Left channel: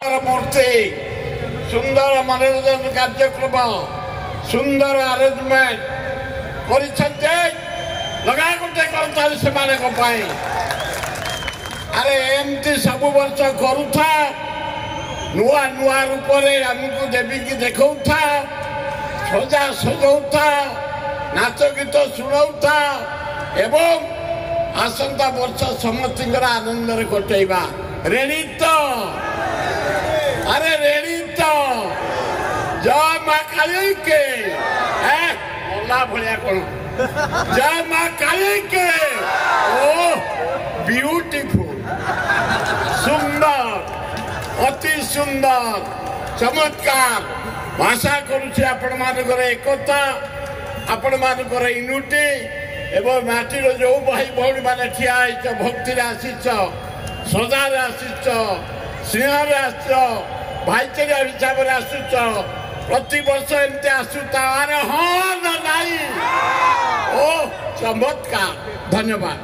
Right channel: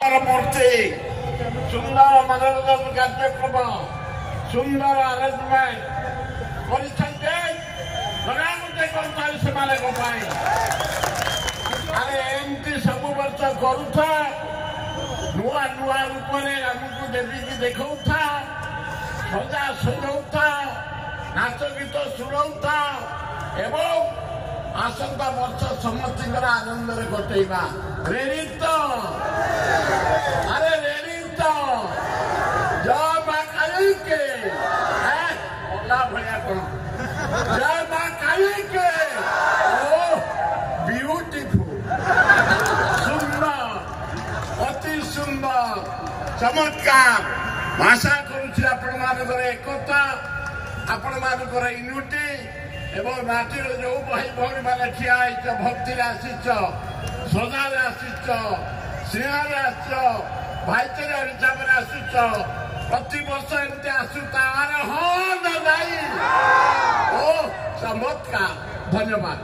मूर्ति सुंदर मनोरंजन कार्यक्रम सुंदर आरेंजमेंट लगा गोटे कर्मचारी से अरे एमती सब वर्ष करुथा नुआ नुआ रूप आमको देवी की देखा सजा सजाऊा नाच गीत शुणाऊा एवं आसंता वर्ष समस्त आनंद कटेवा रेडी तो अरे रेडी तो जय मां काली के ओला भलिया कौन जय मां काली के ओ ब्यूटीफुल सुंदर अति सुंदर चमत्कार भाषा करुछि आपण मानकर एकता आपण मानकर यूनिटी एवं माटीर जो भाई भौणी मैंने ठिया भक्ति आसीच सदार आसीच स्नेह आस भाईचारा हिसाब से आसुच प्रति वर्ष एमती आसुतार हाँ ना ओ चमत्कार धन्यवाद।